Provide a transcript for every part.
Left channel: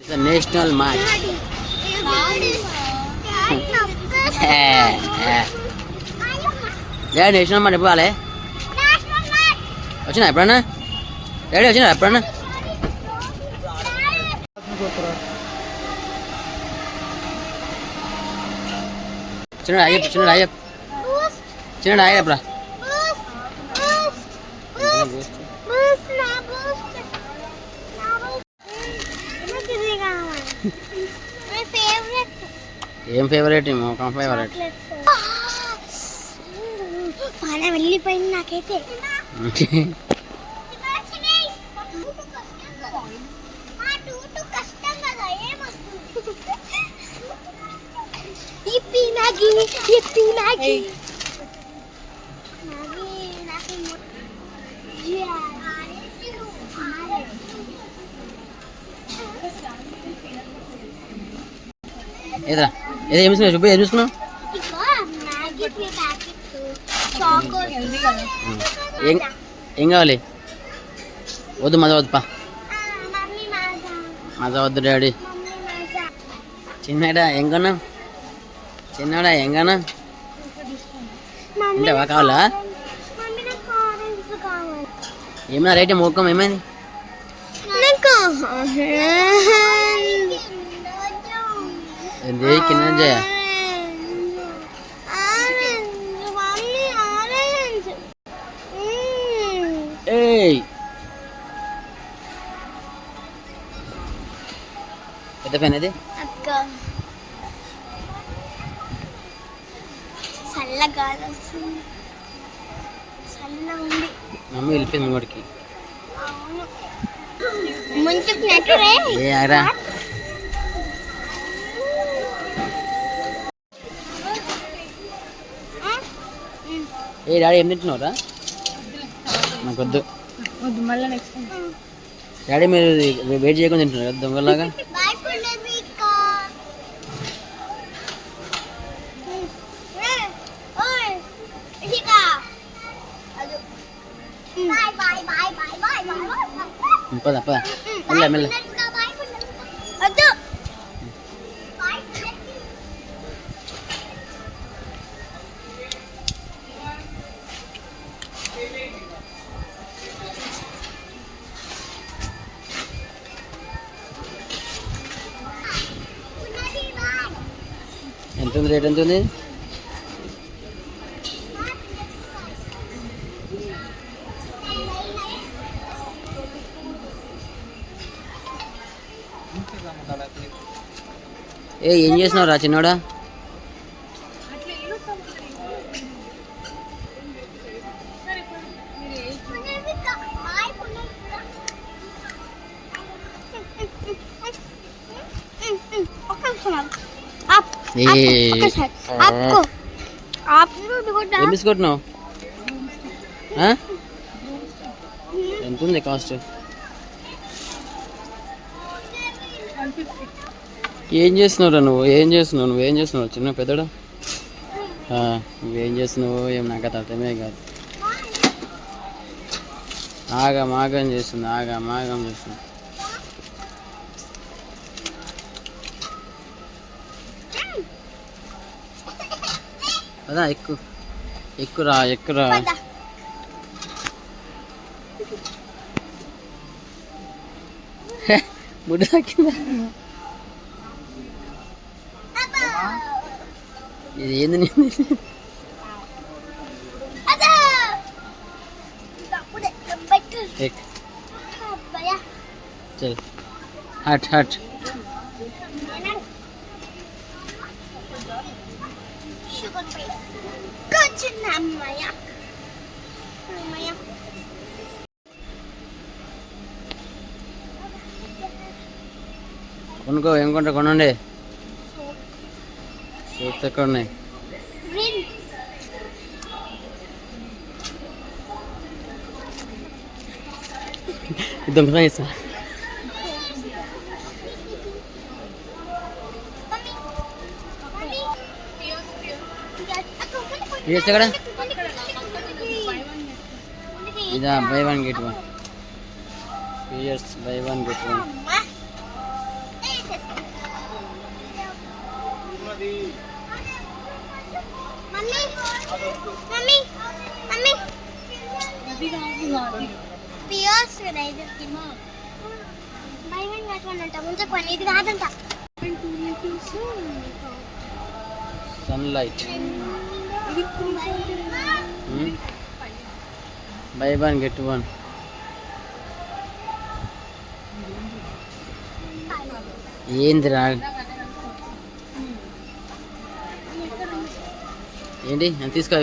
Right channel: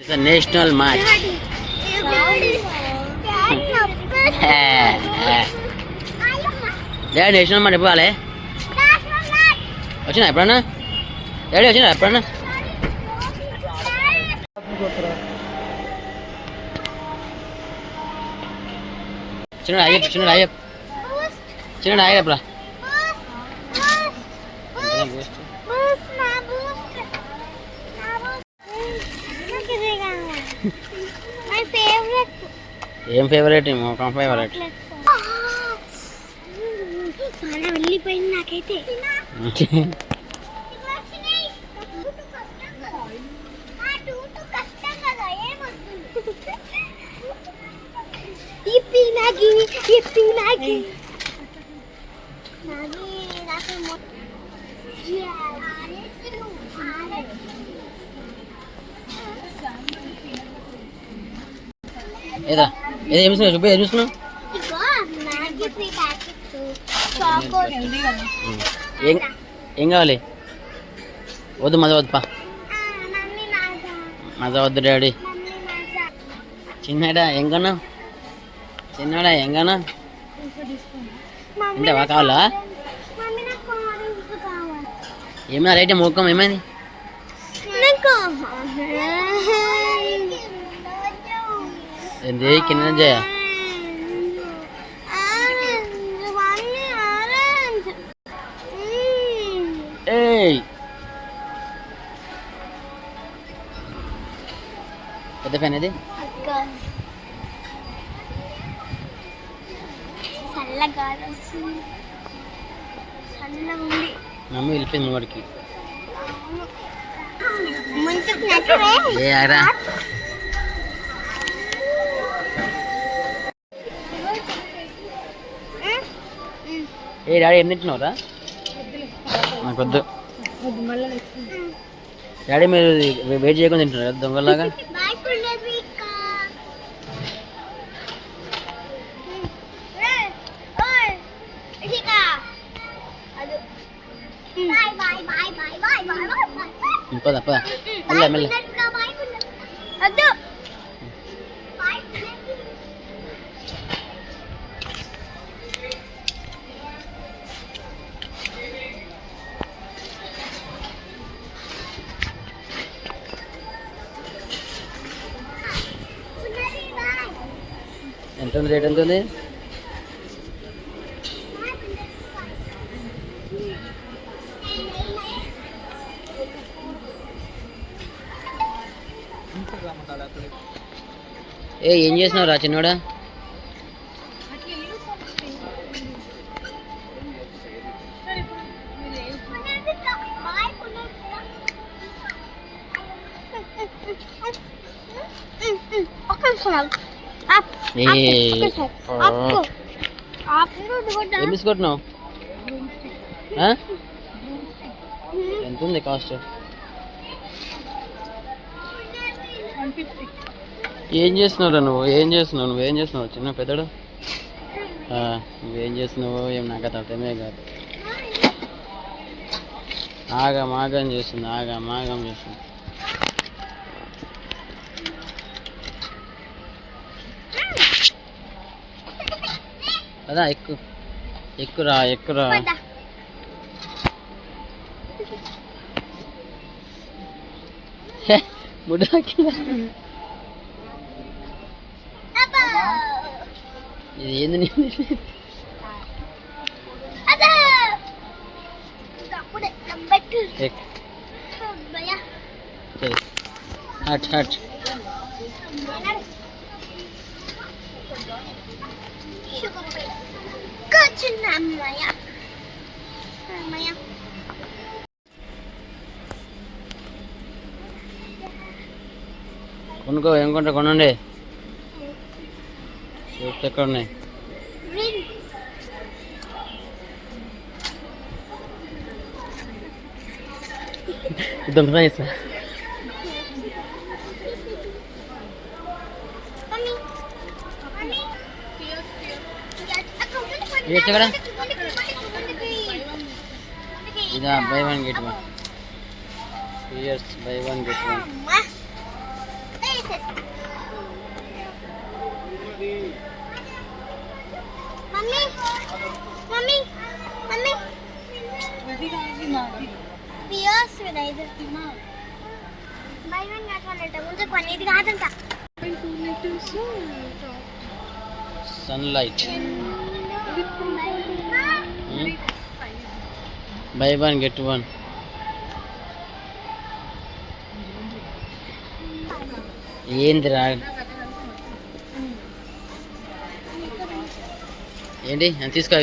It's a national match. Daddy national మాట ఎప్పుడు రాలే వచ్చినా ఎప్పుడన్నా డాడీ వచ్చినా ఎప్పుడన్నా చిన్న అయ్యప్ప చిన్న అయ్యప్ప ఏం ఫేవరెట్ ఒక ఫేవరెట్ వెళ్ళిపోయింది నాకైతే ఏదా ఏదో ఏం చూస్తున్నావు చూపి ఏం చూస్తున్నావు ఏం కావాలి వద్దు మజా వద్దు పా మజా వద్దు డాడీ చిన్నడా ఎంగనా చిన్నడా ఎంగనా అంటే వా కావాలా ఏమైనా రైట్ మోకం ఏమైంది ఏంది కింద చేయ పెద్ద ఫ్యాన్ ఇది మమ్మీ వెళ్ళిపోయింది వాడికి ఏ ఆరా ఏ డాడీ ఏం తింటున్నావురా నాకు వద్దు డాడీ మీరు వెయిట్ చేయకుండా తింటున్నారు దొంగలాగా పద పద మెల్ల మెల్ల ఎంత ఉంది రేట్ ఎంత ఉంది ఏం చేసినావు రా చిన్నోడా ఏం తీసుకుంటున్నావు ఎంత ఉంది కాస్ట్ ఏం చేస్తున్నావు నువ్వేం చేస్తున్నావు చిన్న పెద్దడు నువ్వేం చేస్తున్నావు ఏం నాకు అర్థమే కాదు ఆగం చేస్తుంది అదా ఎక్కురా ముడి ఇది ఏంది హట్ కొనుక్కో ఏం కొంటా కొనండి సూప్స్ ఎక్కడ ఉన్నాయి దొంగతనం చేస్తా ఇదా buy one get one 2 years buy one get one mummy mummy Pears rider buy one get one అంట ముందు కొని ఇది కాదంట 2 litres Sunlight buy one get one. ఏందిరా ఏంటి అని తీసుకో.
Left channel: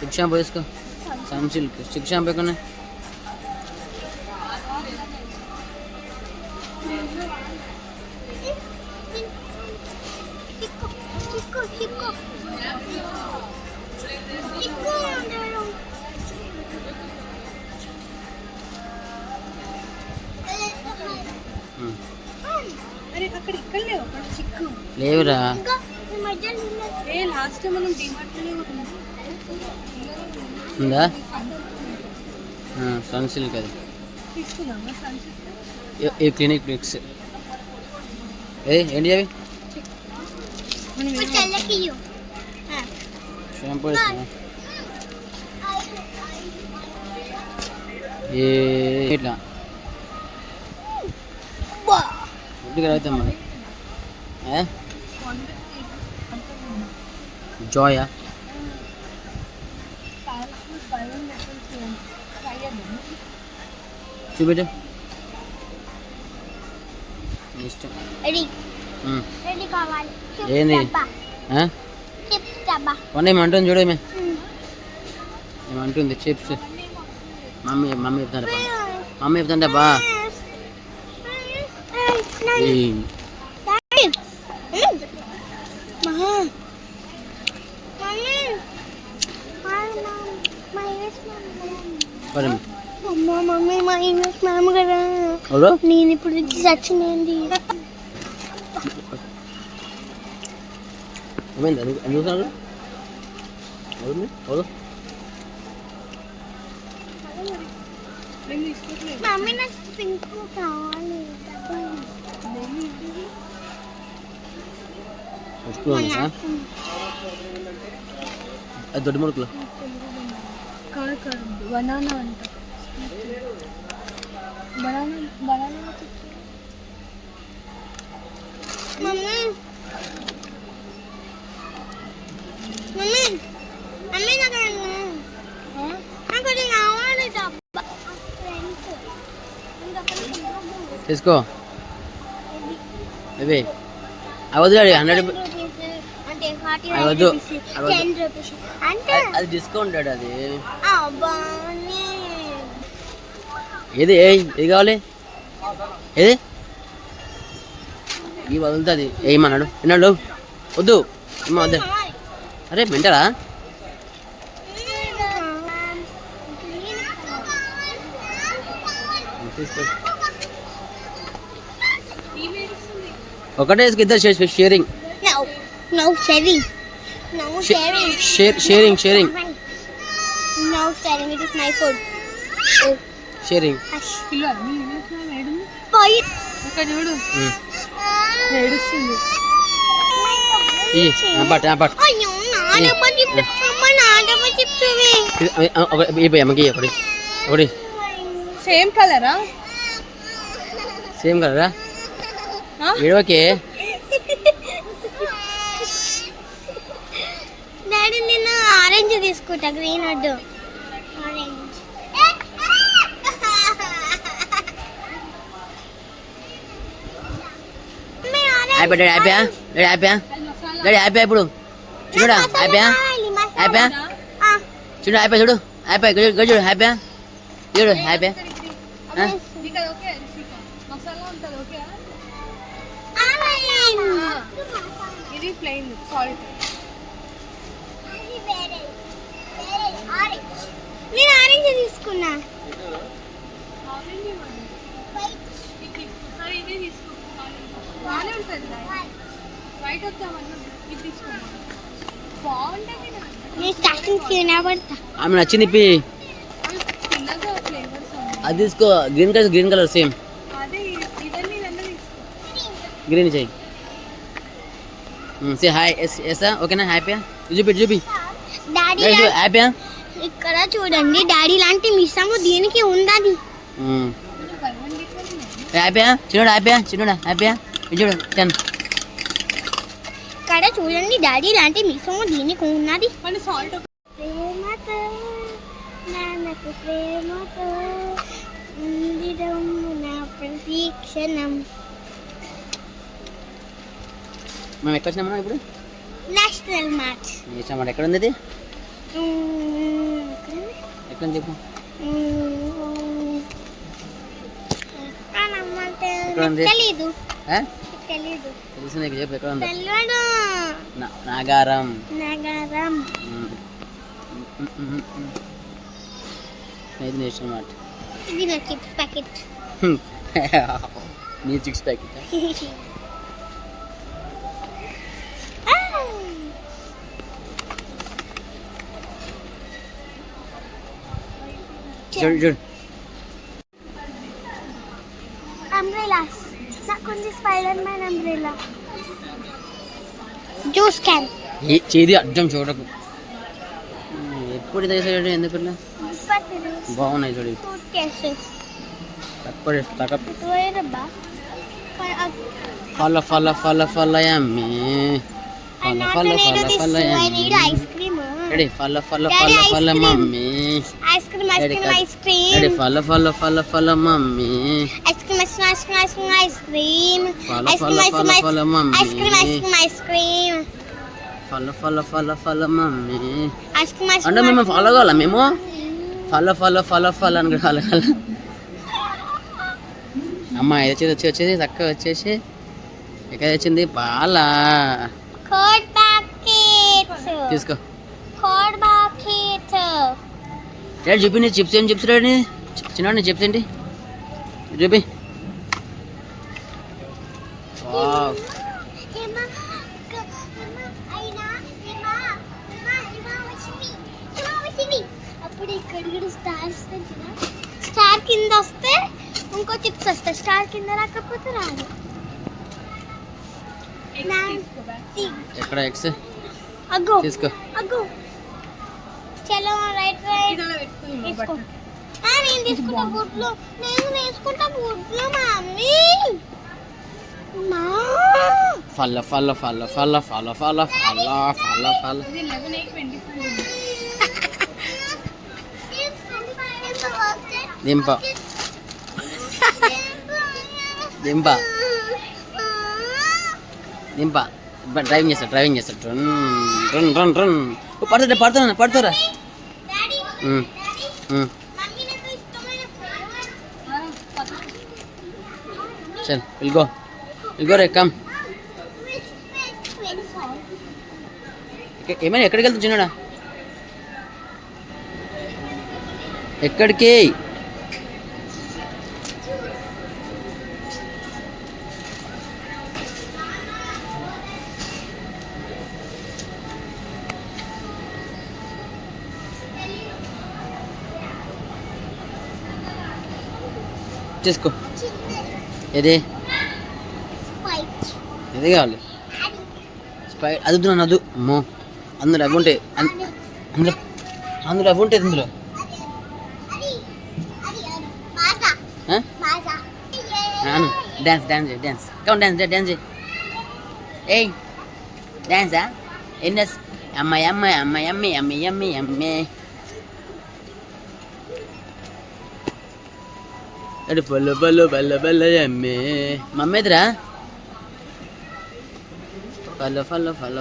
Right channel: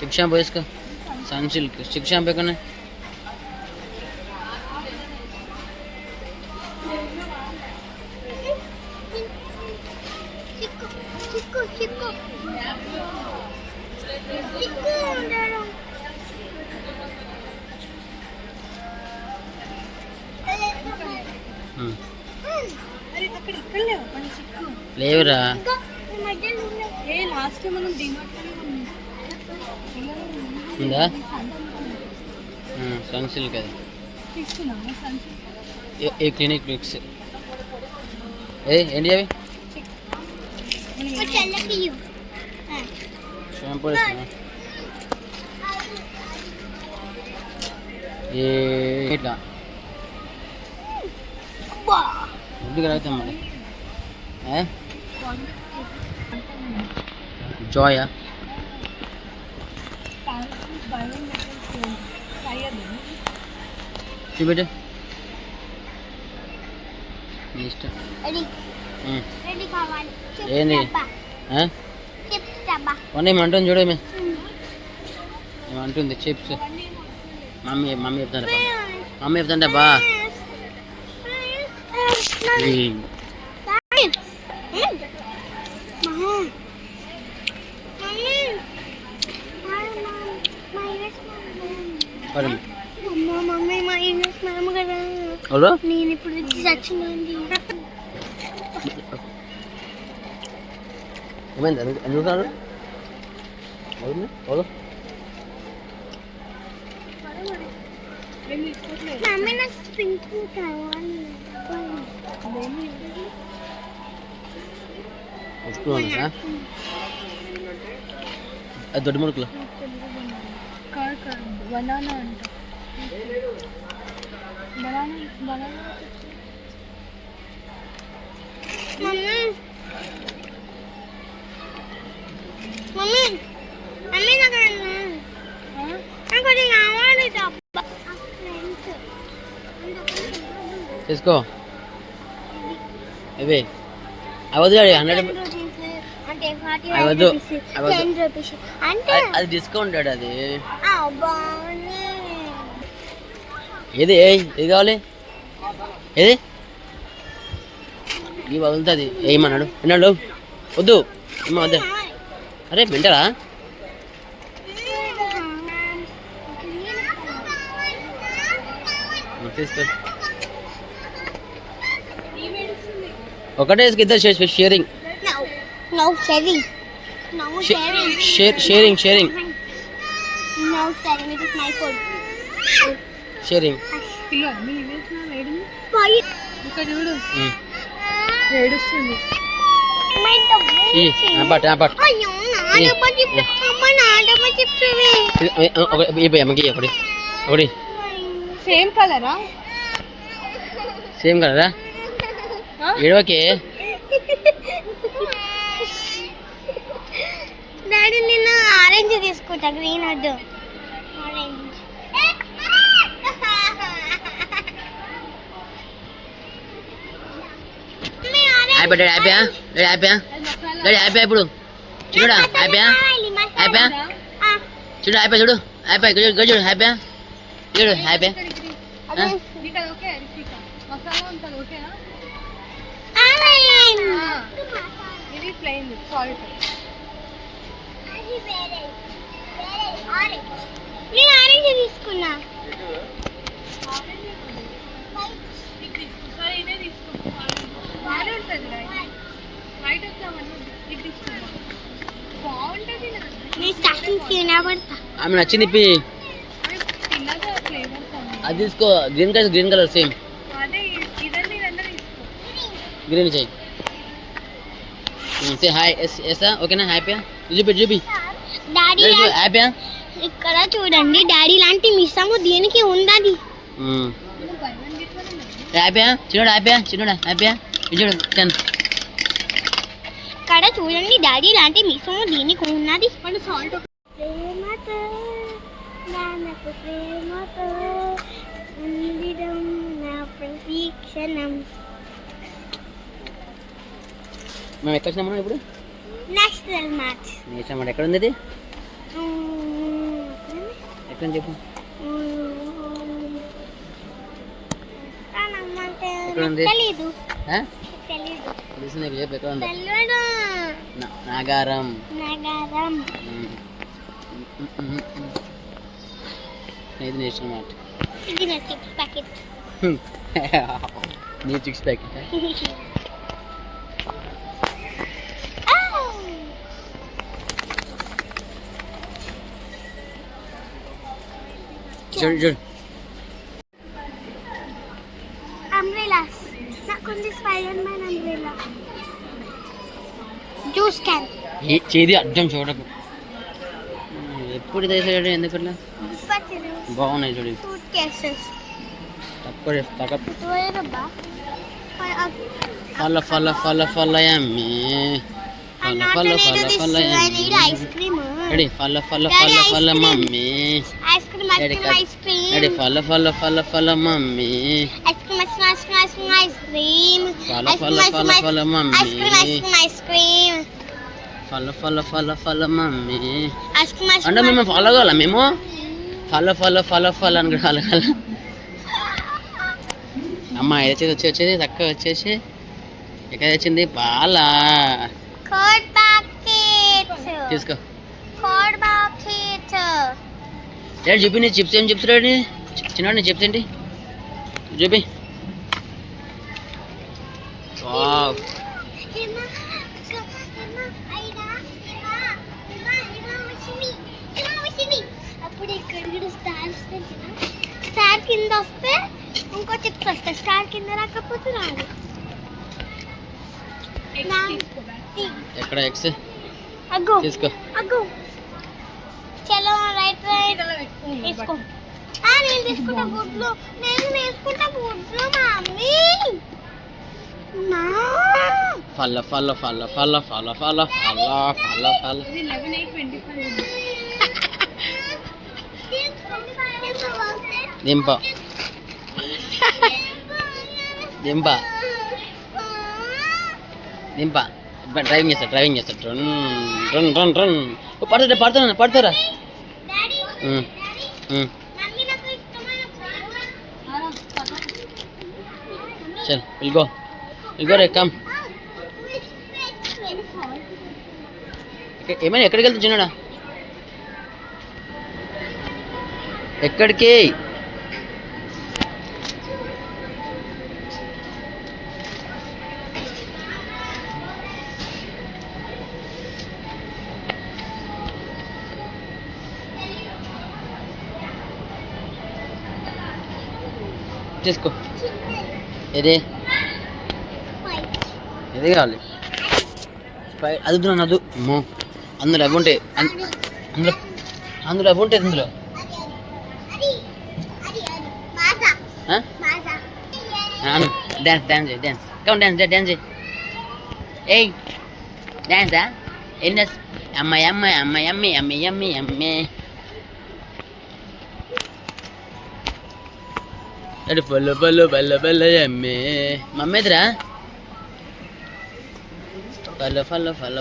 చిక్ షాంపూ వేసుకో. సన్ సిల్క్ చిక్ షాంపూ ఎక్కడ లేవురా. ఉందా సన్ సిల్క్ అది ఏ క్లినిక్ మిక్స్. ఏంటి అవి షాంపూ వేసిన ఇట్లా ఇంటికి అవుతాం మరి. జాయా చూపెట్టు ఇష్టం. ఏంది ఏమంటుంది చూడు. ఏమంటుంది చిప్స్. మమ్మీ చెప్తాంట బా. నేను ఇప్పుడు చచ్చినండి. ఏమైంది ఎందుకు మమ్మీ నాకు పింక్ కావాలి. అది దొడ్డి ముడుకులు బనానా అంట. మమ్మీ మమ్మీ మమ్మీ నాకు కావాలి. తీసుకో. అవే అవద్దు 100 అవద్దు. అది డిస్కౌంట్ అది. ఏది ఏది కావాలి ఏది ఇవి వదులుతుంది. ఏమన్నాడు విన్నాడు వద్దు ఏమో వద్దే. అరే మెంటరా తీసుకో. ఒకటే ఇద్దరు sharing. No sharing. No sharing. Sharing. No sharing. It is my food. Sharing. Kilo. Me image na ready. Boy. Look at you. Ready sini. Ampat. Ayo, na ada macam mana ada macam tu. Ibu yang magi ya, kodi. Same color ah? Same color ah? Ini okay. Daddy నేను orange తీసుకుంటా, green వద్దు. Orange అయిపోయా ఇప్పుడు చూడా అయిపోయా చూడు అయిపోయా చూడు అయిపోయా చూడు హ్యాపీయా చూడు హ్యాపీయా. ఇది ప్లెయిన్ సాల్ట్. నేను ఆరెంజ్ తీసుకున్నా. ఆమె నచ్చింది ఇప్పి అది తీసుకో. గ్రీన్ కలర్ సేమ్ గ్రీన్ చెయ్యి. సే హాయ్ ఎస్ ఓకేనా హ్యాపీయా చూపి డాడీ హ్యాపీయా ఇక్కడ చూడండి డాడీ లాంటి మిస్సము దీనికి ఉందని. హ్యాపీయా చిన్నోడా హ్యాపీయా చూడు 10. ఇక్కడ చూడండి డాడీ లాంటి మిస్సము దీనికి ఉన్నది. ప్రేమతో నాన్నకు ప్రేమతో ఉండిడం నా ప్రతి క్షణం. మేము ఎక్కడ వచ్చినామా ఇప్పుడు? National match. ఎక్కడ ఉంది ఇది? ఎక్కడ చెప్పు. తెలీదు. తెలుసు నీకు చెప్పు ఎక్కడ ఉంది? నాగారం. ఇది నేషనల్ మార్ట్. ఇది నా చిప్స్ ప్యాకెట్. నీ చిప్స్ ప్యాకెట్ చూడు. అంబ్రెలాస్. నాకుంది Spider Man umbrella. Juice can. చేది అర్థం చూడకు. ఎప్పుడు తెసాడు ఎందుకన్నా బాగున్నాయి చూడు. Suitcases. ఫల యమ్మీ. Ice cream. రెడీ ఫల మమ్మీ. ఐస్ క్రీమ్ రెడీ ఫల మమ్మీ. ఐస్ క్రీమ్ ఫల మమ్మీ. అంటే మేము ఫాలో కావాలా? మేము ఫల అని కలగాల. అమ్మ వచ్చేది తక్కువ వచ్చేసి ఎక్కడ వచ్చింది? పాల తీసుకో. చూపి నీ చిప్స్ ఏం చిప్స్ రాని చిన్న నీ చిప్స్ ఏంటి చూపి. అప్పుడు ఇక్కడ స్టార్ కింద వస్తే ఇంకో చిప్స్ వస్తాయి. స్టార్ కింద రాకపోతే రాదు. ఎక్కడ ఎక్స్ తీసుకో. చలో రైట్ తీసుకో. నేను తీసుకుంటా గుడ్లు. మమ్మీ ఫల దింప డ్రైవింగ్ చేస్తాడు. రన్ పడుతారా? చల్ ఇల్గో రే కమ్. ఏమైనా ఎక్కడికి వెళ్తా చిన్నడా? ఎక్కడికి? తీసుకో. ఏది కావాలి? అది వద్దు. అమ్మో అందులో అవి ఉంటాయి. అందులో అవి ఉంటాయి. అందులో డాన్స్ కమ్ డాన్స్. ఏయ్ డాన్సా? ఏం డాన్స్? అమ్మాయి అరే బల్ల అమ్మే మమ్మేదిరా.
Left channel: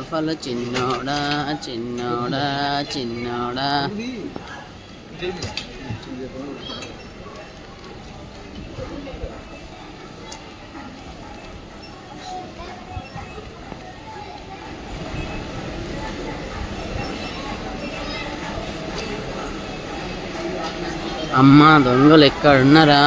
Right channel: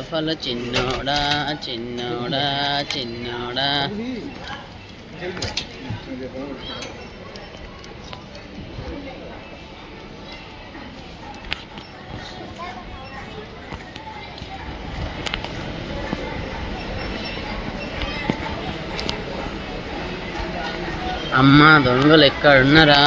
ఫల చిన్నోడా. అమ్మ దొంగలు ఎక్కడ ఉన్నారా?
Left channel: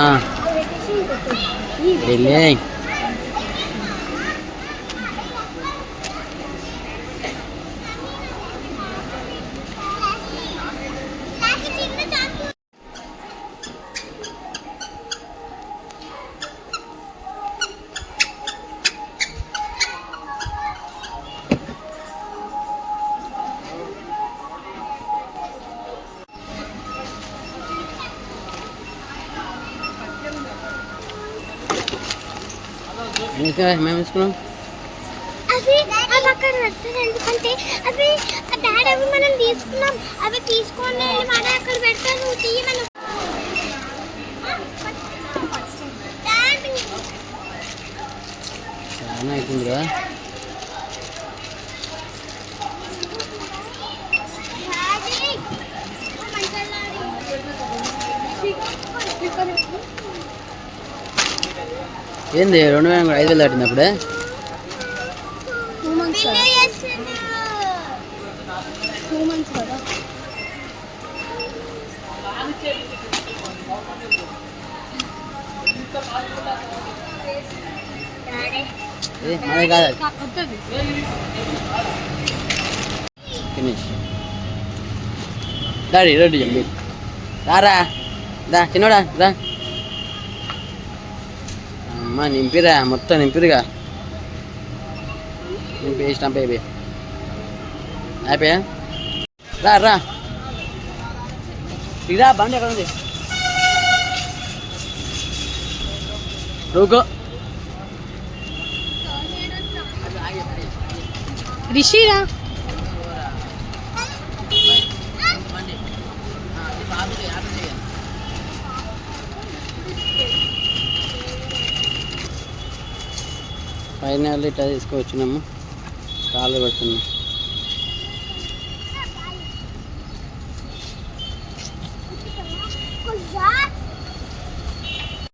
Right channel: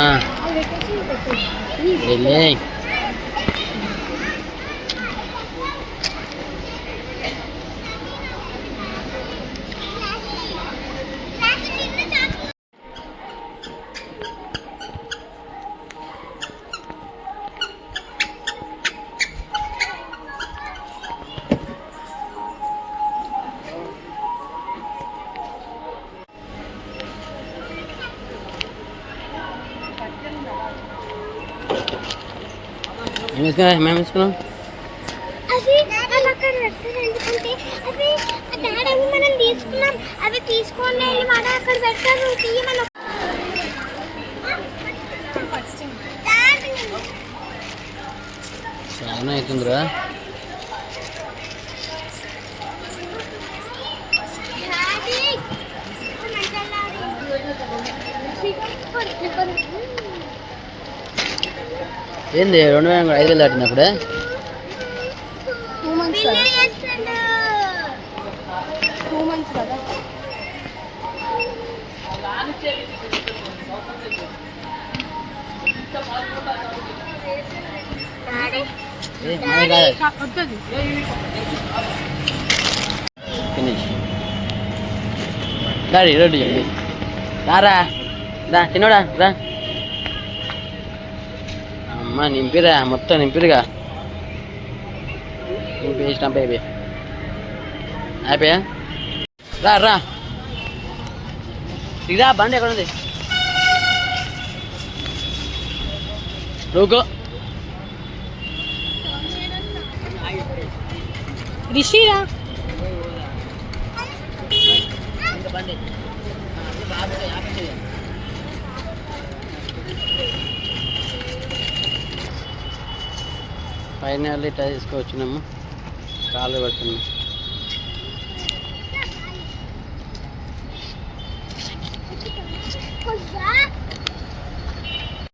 మేము వేసుకున్నాం అవి మనం అక్కడ పెట్టారు ఎందుకంటే అవి డాడీ అవి మనం తీసుకున్నాం అవి తీసుకోండి మన అక్కడ పెడతారు తీయమని చాలా అవుతుందిరా ఏంది 2,500 దాటింది అప్పుడే 2 months కదా 2 months కదా మనది కాదు ఫినిష్ డాడీ రెడీ జల్దీ రారా దా చిన్నోడా రా అమ్మ నింపిరా మొత్తం నింపిరుగా నింపి స్టంప్ అయిపోయా రా రా ఇరా బండి ఎక్కడ ఉంది రూకో రిషిరా ఫైనల్ ఇట్లా తీసుకొచ్చినాము కాళ్ళు పెడుతున్నాం